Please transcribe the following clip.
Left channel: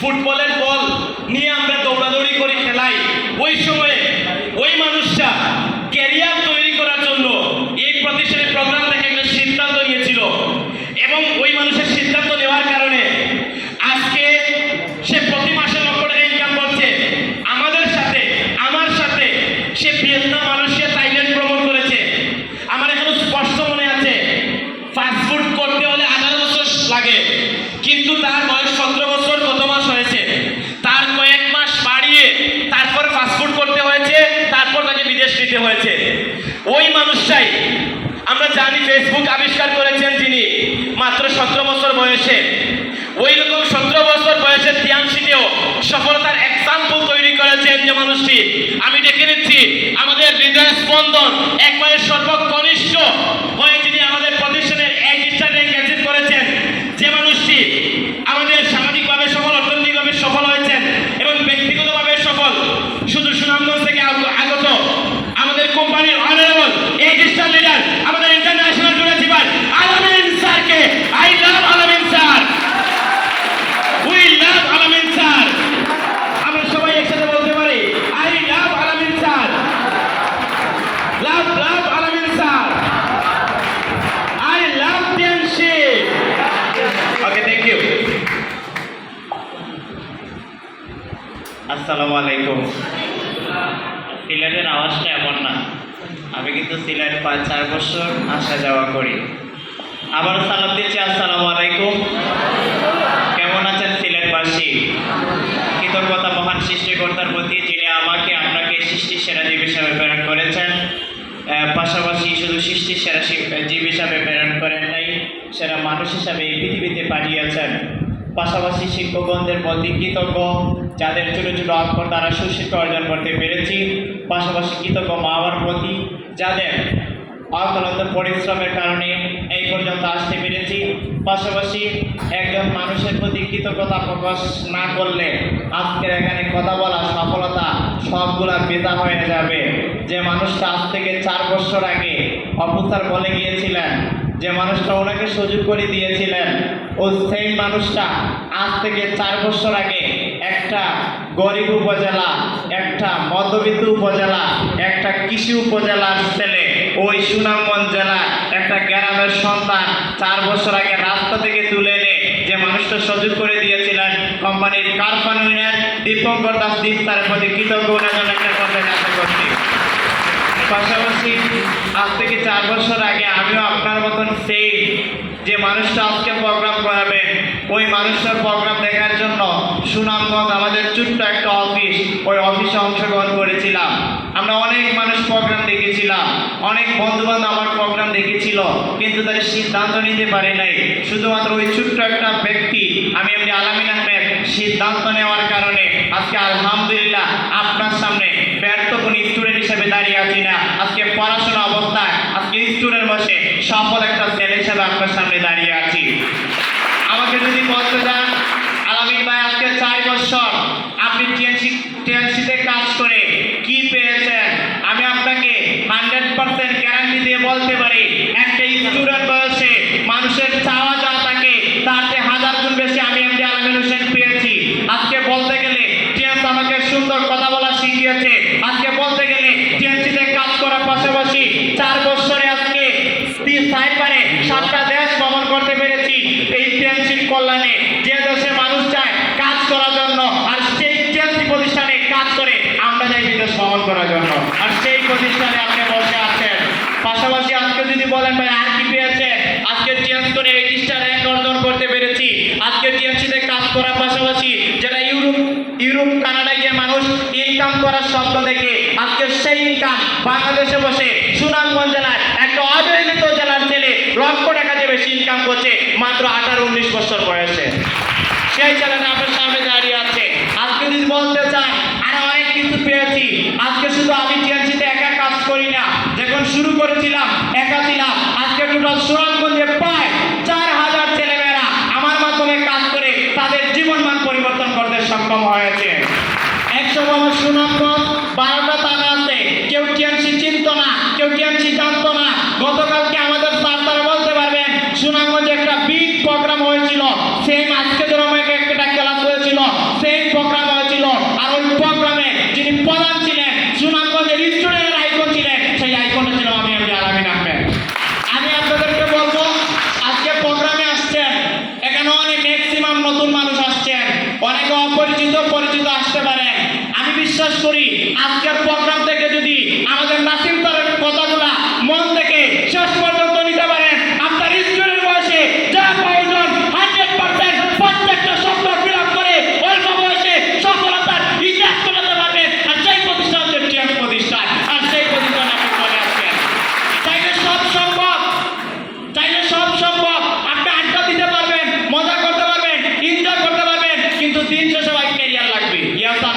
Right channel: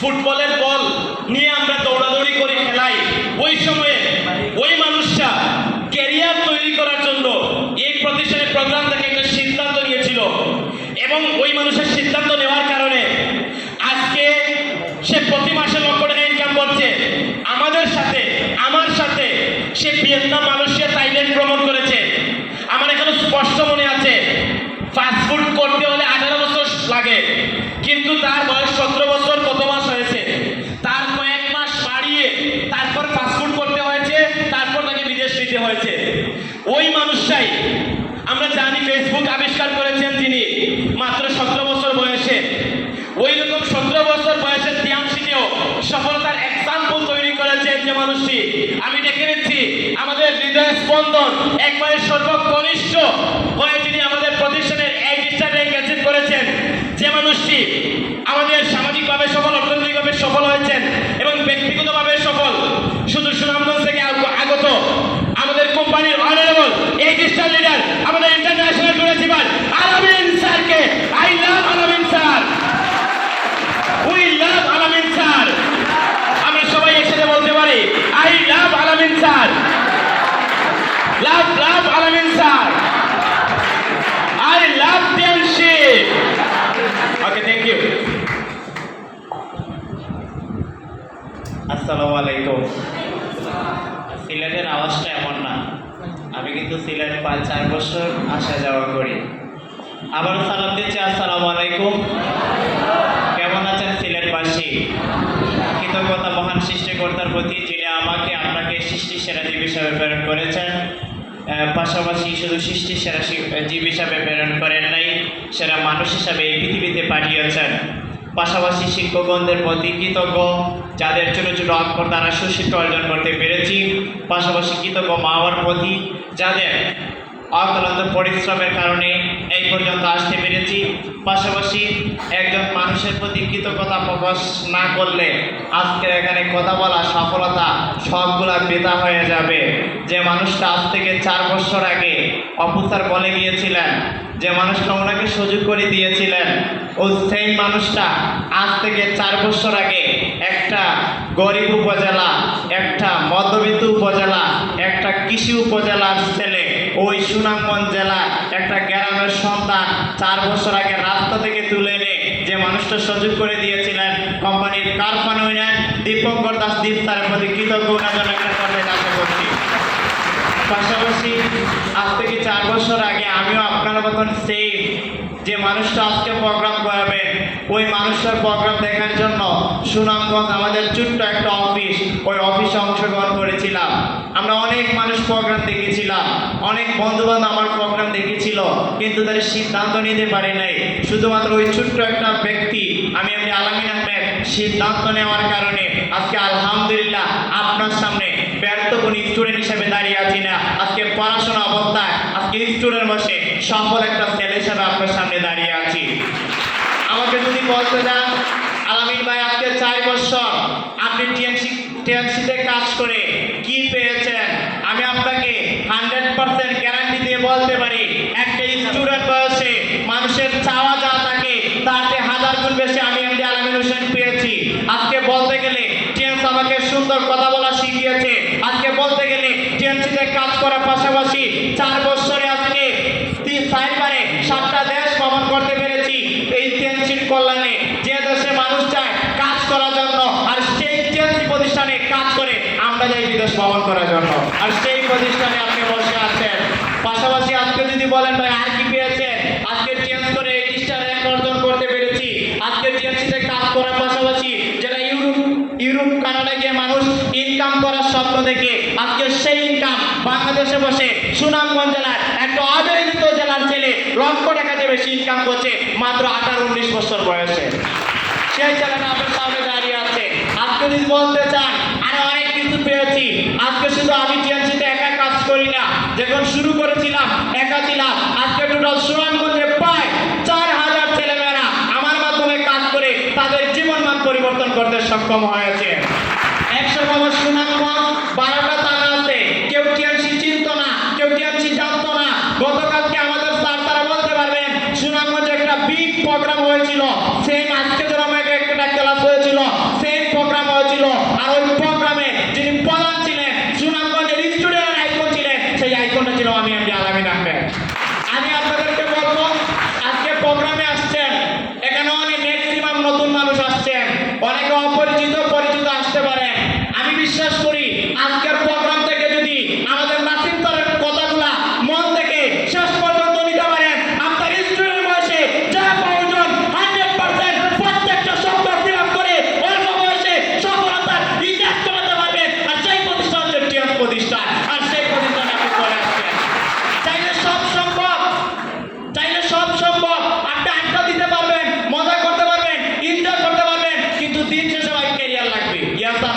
ফুটবলের বল নিয়ে আমরা দৌড়াদৌড়ি করে খেলাই ওই সময়ে ওই মানুষটা ক্যারিয়ার তৈরি করার জন্য এই প্রতিষ্ঠানের প্রোগ্রাম দেখে একটা সিদ্ধান্ত নিয়েছিল এবং ওই মানুষের সিদ্ধান্ত নেওয়ার কারণে আজকে সে প্রতি মাসে লক্ষ টাকা ইনকাম করছে আমাদের সাথে আমার সাথে সে ভিয়েতনাম মালয়েশিয়া থাইল্যান্ড ভ্রমণ করেছে আমার এখনও স্পষ্ট মনে আছে ফাস্টফুড করতে হলে আঠারো বছর লাগে কিন্তু তার বয়স সতেরো বছর কত মাস হয়েছে তার কয়েক মাস বাড়িয়ে তারপর ফাস্টফুড করতে হয়েছে তারপর নিতে হয়েছে। ওই মানুষটাই, আমরা জানি ফেসবুক আবিষ্কার করেছেন তিনি মাত্র সতেরো বছর বয়সে। ওই রকম সতেরো বছর বয়সে তিয়াংশিতেও সফলতার এক্সাম্পল তৈরি করেছেন যে মানুষটি। আমি দেখে নিচ্ছি, আমাদের হৃদয় স্পন্দন একবারে সর্বকনিষ্ঠ হয়ে তিনি আমাদের প্রতিষ্ঠানের এক স্টার র্যাঙ্ক অ্যাচিভ করেছেন যে মানুষটি আমাদের সামাজিকভাবে সফল অর্থনৈতিকভাবে সফল হয়েছেন এবং ব্যক্তিগতভাবে সফল শুধু সুনামগঞ্জ থেকে আগ- আগত আমাদের কোম্পানির অনারেবল এইট স্টার লিডার আমাদের ইন্টারন্যাশনাল প্রিন্সিপাল আলামিন স্যারকে আই লাভ আলামিন স্যার উই লাভ আলামিন স্যার আমরা সবাই একসাথে বলতে পারি আই লাভ আলামিন স্যার সিলেটের আওয়াজটা এমন না। আমি কিন্তু সিলেট পাঁচ, চার বছর আসা যাওয়া করি। আবারও সালাম দিচ্ছি, আসসালামু আলাইকুম। কেমন আছেন সিলেটবাসী কৃতজ্ঞতা মহান সৃষ্টিকর্তার প্রতি যিনি আমাকে, আপনাকে সৃষ্টি সেরা জীব হিসাবে প্রেরণ করেছেন আহ, পাশাপাশি শুধু সৃষ্টি, সেরা জীব হিসাবে প্রেরণ করেন নাই, সেরা মানুষ হিসাবে এই পৃথিবীতে পাঠিয়েছেন পাশাপাশি শিক্ষকগণদের প্রতি কৃতজ্ঞ, যাদের ছোট ছোট অক্ষর দ্বারা সুশিক্ষা অর্জন করতে পেরেছি। পাশাপাশি কৃতজ্ঞ মা বাবার প্রতি, যাদের অক্লান্ত পরিশ্রমের কারণে এই পর্যন্ত আসতে পেরেছি। পাশাপাশি একজন মানুষের প্রতি কৃতজ্ঞতা প্রকাশ না করলে আজকের এখানে কথা বলা সফলতা সবগুলা বেদা হয়ে যাবে। যে মানুষটা আজ থেকে চার বছর আগে অফিসার বলে গিয়েছিলেন যে মানুষটা ওনাকে সুযোগ করে দিয়েছিলেন, ও সেই মানুষটা আজ থেকে চার বছর আগে একটা গরিব উপজেলা, একটা মধ্যবিত্ত উপজেলা, একটা কৃষি উপজেলার ছেলে ওই সুনামগঞ্জ জেলার একটা গ্রামের সন্তান চার বছর আগে রাস্তা থেকে তুলে এনে যে মানুষটা সুযোগ করে দিয়েছিলেন, কোম্পানির কারখানা উইনার দীপঙ্কর দাস দীপ তার প্রতি কৃতজ্ঞ ওনার জন্য একটা কথা কাছে করছি পাশাপাশি আজ থেকে চার বছর আগে আমিও মতন সেই যে মানুষটা আজকে প্রোগ্রাম করাবে, ওই মানুষটার প্রোগ্রাম দেখার জন্য সুনামগঞ্জ আমাদের ছোট্ট একটা অফিস ওই অফিসে অংশগ্রহণ করেছিলাম। আমরা অনেক মানুষ প্রোগ্রাম দেখেছিলাম, অনেক বন্ধু বান্ধব আমার প্রোগ্রাম দেখেছিল, কিন্তু তাদের সিদ্ধান্ত নিতে পারে নাই। শুধুমাত্র ওই ছোট্ট একটা ব্যক্তি, আমি এমনি আলামিন সিদ্ধান্ত নেওয়ার কারণে আজকে আলহামদুলিল্লাহ আপনার সামনে ব্যর্থ কোনো স্টুডেন্ট হিসেবে দাঁড়িয়ে আছি না আজকে পড়াশোনা অবস্থায় আজকে স্টুডেন্ট বসে সফল একটা ছেলে হিসেবে আপনার সামনে দাঁড়িয়ে আছি আমাকে যদি বলতে চান আলামিন ভাই আজকে চার বছর আপনি টিএনসি টিএনসিতে কাজ করে কি পেয়েছেন আমি আপনাকে হান্ড্রেড পার্সেন্ট গ্যারান্টি দিয়ে বলতে পারি একটা স্টুডেন্ট বয়সে মানুষের চাওয়া যা থাকে তাতে হাজার গুণ বেশি আমি এমডি আলমিন হোসেন পেয়েছি আজকে বলতে গেলে টিএনস আমাকে সুন্দর কথা বলা শিখিয়েছে আজকে বলতে গেলে টিএনসিতে কাজ করার পাশাপাশি চার বছরে আজকে তিন সাইবারে সাতটা দেশ ভ্রমণ করতে পেরেছি এই টিএনসির কল্যাণে যে দেশে মানুষ চায় কাজ করার জন্য আর সেই টিএনসি প্রতিষ্ঠানে কাজ করে আমরা যাই বিদেশ ভ্রমণ করার জন্য। আর সেই প্রতিষ্ঠানে আপনি বসে আছেন। পাশাপাশি আজকে যদি বলেন, ভাই, আর কি পেয়েছে আজকে টিএনসি করে এইচটা র্যাঙ্ক অর্জন করতে পেরেছি। আজকে টিএনসিতে কাজ করার পাশাপাশি যেটা ইউরোপ ইউরোপ, কানাডা গিয়ে মানুষ ইনকাম করার স্বপ্ন দেখে, আজকে সেই ইনকাম বাংলাদেশে বসে সুনামগঞ্জ জেলার একটা অবহেলিত জেলার ছেলে লক্ষ টাকা যে বেশি ইনকাম করছে মাত্র আঠারো, উনিশ বছর বয়সে। সেই ছেলেটা আপনার সামনে দাঁড়িয়ে আছে। আজকে যদি বলতে চান কিন্তু পেয়েছি। আজকে শুধু আমি টিএনসিতে একা কাজ করি না যখন শুরু করেছিলাম একা তিনশো সেবা ক্যারিয়ার লাগবে ইয়াসান